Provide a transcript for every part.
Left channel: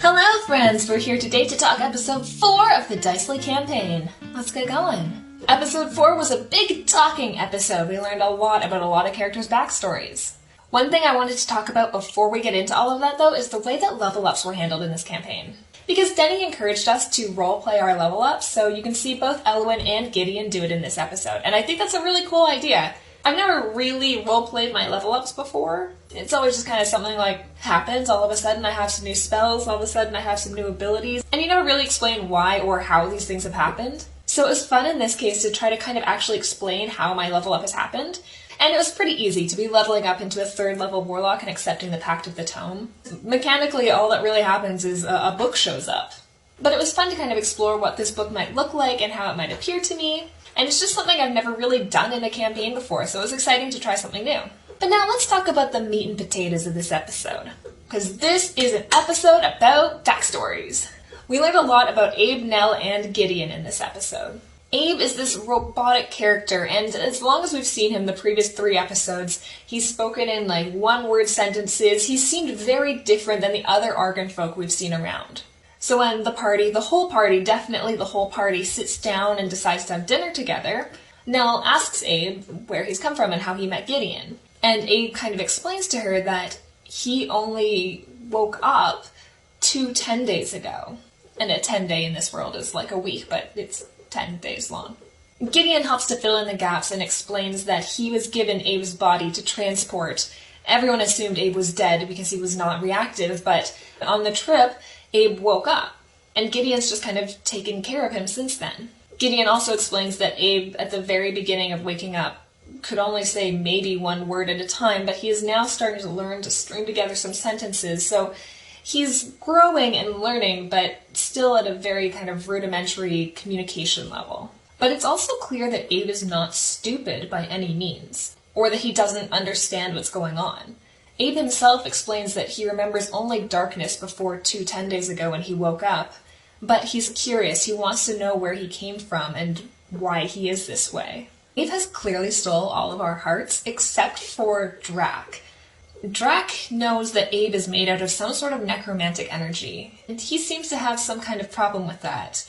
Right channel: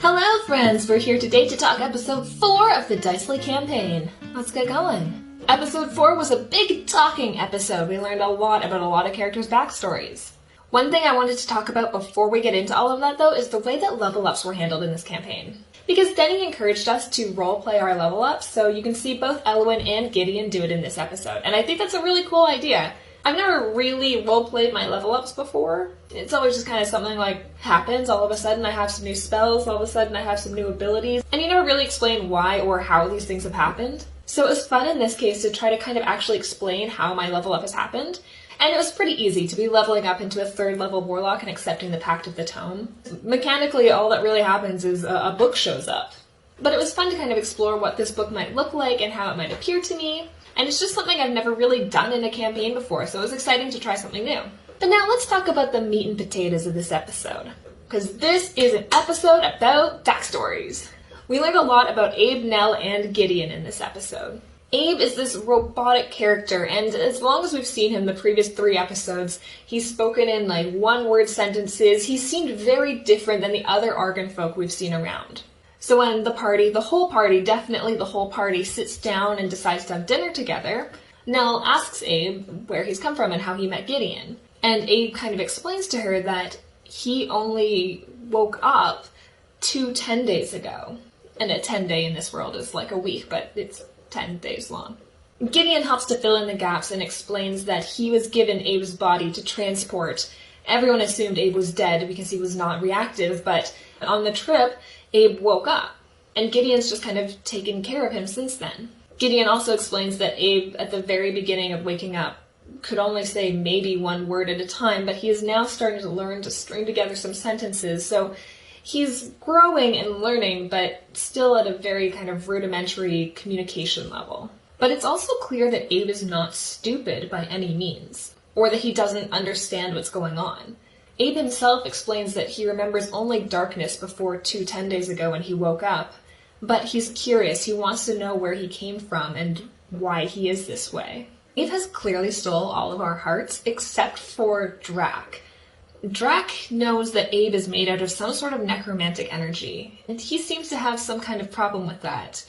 Hello friends, we're here today to talk episode 4 of the Dicely campaign. Let's get going. Episode 4 was a big talking episode. We learned a lot about a lot of characters' backstories. One thing I wanted to talk about before we get into all of that though is the way that level ups were handled in this campaign. Because Teni encouraged us to roleplay our level ups, so you can see both Elwyn and Gideon do it in this episode, and I think that's a really cool idea. I've never really roleplayed my level ups before. It's always just kind of something like happens, all of a sudden I have some new spells, all of a sudden I have some new abilities, and you never really explain why or how these things have happened. So it was fun in this case to try to kind of actually explain how my level up has happened, and it was pretty easy to be leveling up into a 3rd level warlock and accepting the Pact of the Tome. Mechanically, all that really happens is a book shows up. But it was fun to kind of explore what this book might look like and how it might appear to me. And it's just something I've never really done in a campaign before, so it was exciting to try something new. But now let's talk about the meat and potatoes of this episode. Because this is an episode about backstories. We learned a lot about Abe, Nell, and Gideon in this episode. Abe is this robotic character, and as long as we've seen him the previous 3 episodes, he's spoken in like one-word sentences. He seemed very different than the other Argon folk we've seen around. So when the whole party, sits down and decides to have dinner together, Nell asks Abe where he's come from and how he met Gideon. And Abe kind of explains to her that he only woke up 10 days ago. And a 10 day in this world is like a week, but it's 10 days long. Gideon helps to fill in the gaps and explains that he was given Abe's body to transport. Everyone assumed Abe was dead because he was not reactive, but on the trip, Abe woke up, and Gideon's just kind of taken care of him since then. Gideon also explains that Abe, at the very beginning of waking up, could only say maybe one word at a time, but he is now starting to learn to string together some sentences, so he's growing and learning, but still at a very kind of rudimentary communication level. But it's also clear that Abe is not stupid by any means, or that he doesn't understand what's going on. Abe himself explains that he remembers only darkness before 10 days ago when he woke up, but he's curious, he wants to know where he came from and why he is this way. Abe has clearly stole all of our hearts, except for Drac. Drac knows that Abe is made out of some sort of necromantic energy, and he seems to have some kind of problem with that.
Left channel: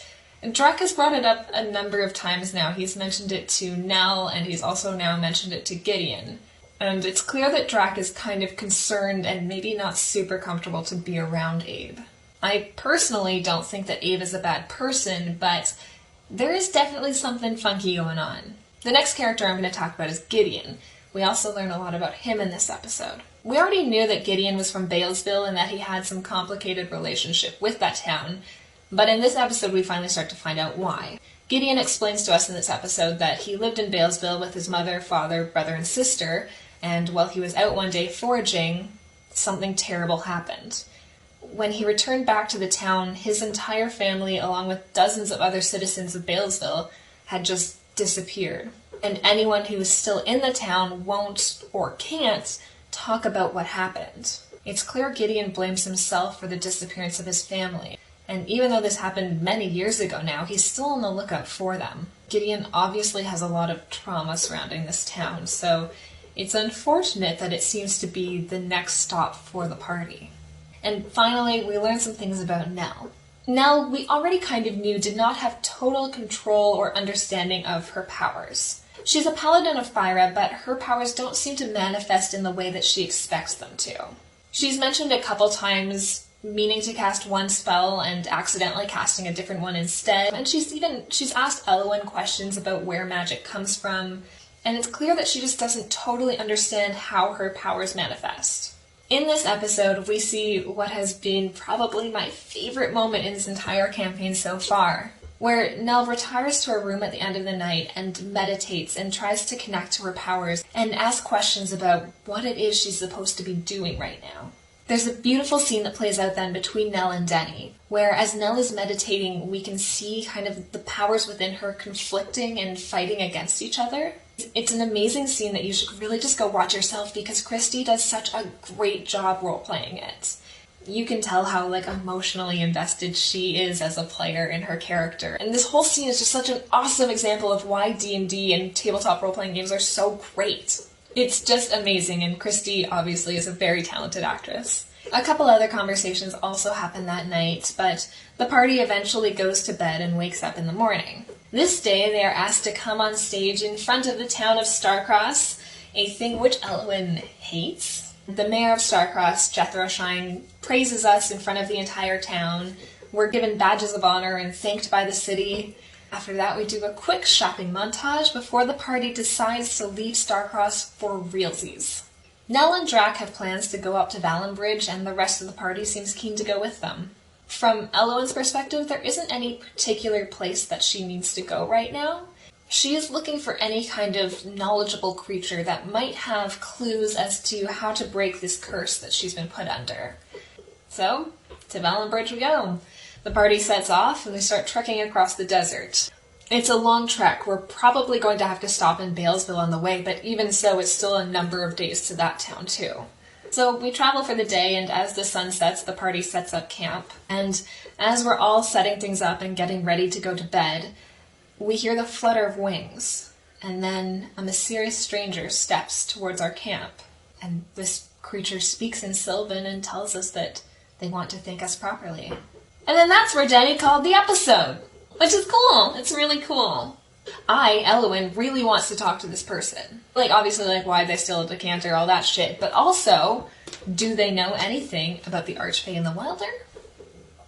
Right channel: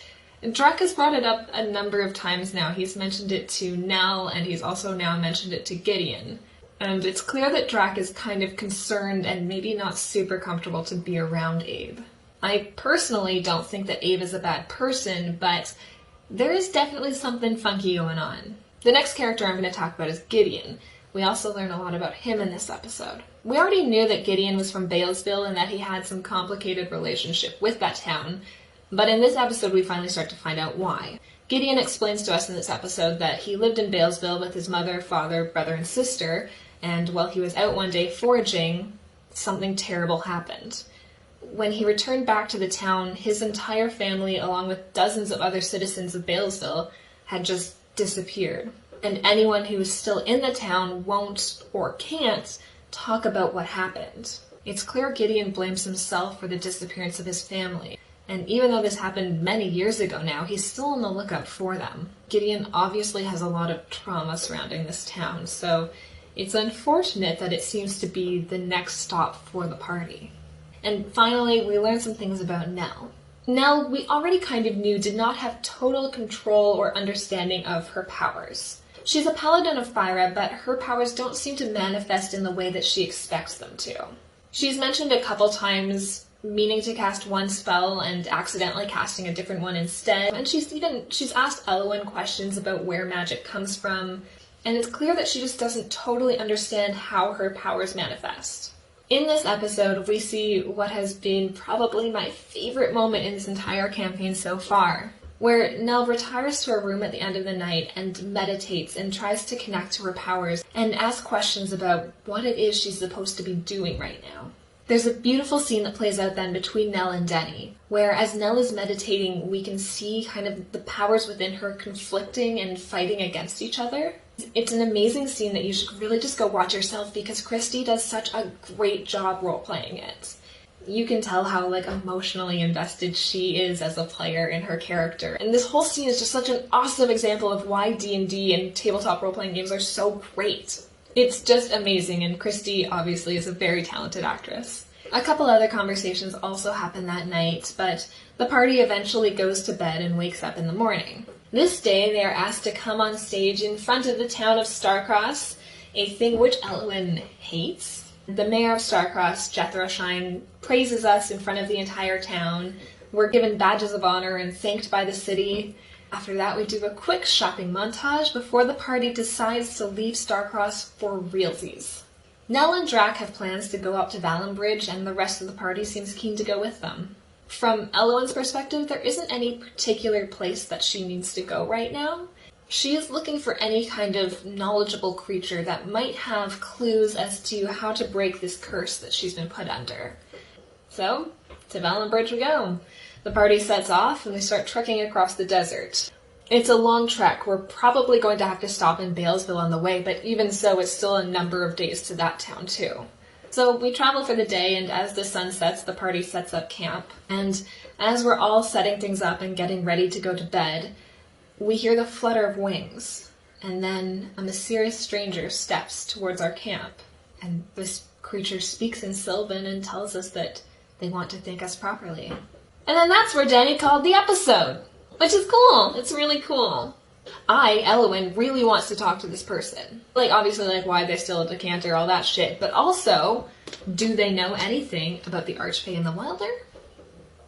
Drac has brought it up a number of times now. He's mentioned it to Nell, and he's also now mentioned it to Gideon. And it's clear that Drac is kind of concerned and maybe not super comfortable to be around Abe. I personally don't think that Abe is a bad person, but there is definitely something funky going on. The next character I'm going to talk about is Gideon. We also learn a lot about him in this episode. We already knew that Gideon was from Balesville and that he had some complicated relationship with that town, but in this episode we finally start to find out why. Gideon explains to us in this episode that he lived in Balesville with his mother, father, brother, and sister, and while he was out one day foraging, something terrible happened. When he returned back to the town, his entire family, along with dozens of other citizens of Balesville, had just disappeared. And anyone who is still in the town won't or can't talk about what happened. It's clear Gideon blames himself for the disappearance of his family. And even though this happened many years ago now, he's still on the lookout for them. Gideon obviously has a lot of trauma surrounding this town, so it's unfortunate that it seems to be the next stop for the party. And finally, we learn some things about Nell. Nell, we already kind of knew, did not have total control or understanding of her powers. She's a paladin of Fyra, but her powers don't seem to manifest in the way that she expects them to. She's mentioned a couple times meaning to cast one spell and accidentally casting a different one instead, and she's asked Elwyn questions about where magic comes from, and it's clear that she just doesn't totally understand how her powers manifest. In this episode, we see what has been probably my favorite moment in this entire campaign so far, where Nell retires to her room at the end of the night and meditates and tries to connect to her powers and ask questions about what it is she's supposed to be doing right now. There's a beautiful scene that plays out then between Nell and Teni, where as Nell is meditating, we can see kind of the powers within her conflicting and fighting against each other. It's an amazing scene that you should really just go watch yourself because Christy does such a great job role-playing it. You can tell how emotionally invested she is as a player in her character. And this whole scene is just such an awesome example of why D&D and tabletop role-playing games are so great. It's just amazing, and Christy obviously is a very talented actress. A couple other conversations also happen that night, but the party eventually goes to bed and wakes up in the morning. This day, they are asked to come on stage in front of the town of Starcross, a thing which Elwyn hates. The mayor of Starcross, Jethro Shine, praises us in front of the entire town. We're given badges of honor and thanked by the city. After that, we do a quick shopping montage before the party decides to leave Starcross for realsies. Nell and Drac have plans to go up to Valenbridge, and the rest of the party seems keen to go with them. From Elwyn's perspective, there isn't any particular place that she needs to go right now. She is looking for any kind of knowledgeable creature that might have clues as to how to break this curse that she's been put under. So, to Valenbridge we go. The party sets off and they start trekking across the desert. It's a long trek. We're probably going to have to stop in Balesville on the way, but even so, it's still a number of days to that town too. So we travel for the day, and as the sun sets, the party sets up camp. And as we're all setting things up and getting ready to go to bed, we hear the flutter of wings. And then a mysterious stranger steps towards our camp. And this creature speaks in Sylvan and tells us that they want to thank us properly. And then that's where Danny called the episode. Which is cool. It's really cool. Elwyn, really wants to talk to this person. Obviously, why they steal a decanter, all that shit. But also, do they know anything about the Archfey and the Wilder?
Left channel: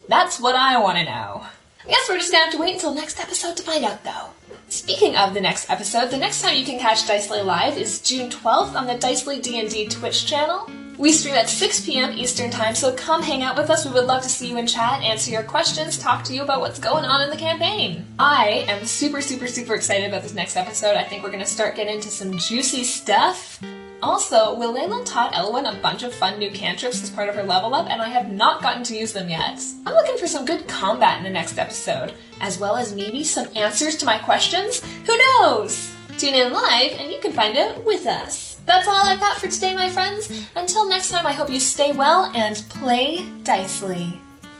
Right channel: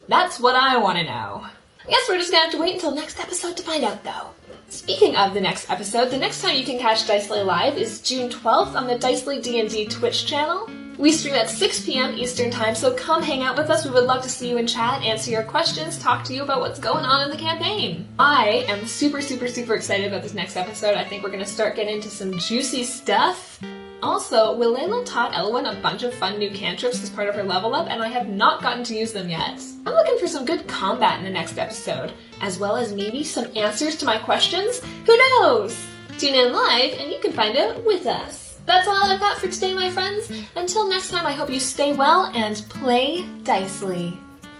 That's what I want to know. I guess we're just going to have to wait until next episode to find out, though. Speaking of the next episode, the next time you can catch Dicely Live is June 12th on the Dicely D&D Twitch channel. We stream at 6 p.m. Eastern Time, so come hang out with us. We would love to see you in chat, answer your questions, talk to you about what's going on in the campaign. I am super excited about this next episode. I think we're going to start getting into some juicy stuff. Also, Willala taught Elwyn a bunch of fun new cantrips as part of her level up, and I have not gotten to use them yet. I'm looking for some good combat in the next episode, as well as maybe some answers to my questions. Who knows? Tune in live, and you can find out with us. That's all I've got for today, my friends. Until next time, I hope you stay well and play dicely.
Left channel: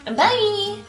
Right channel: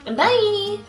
Bye!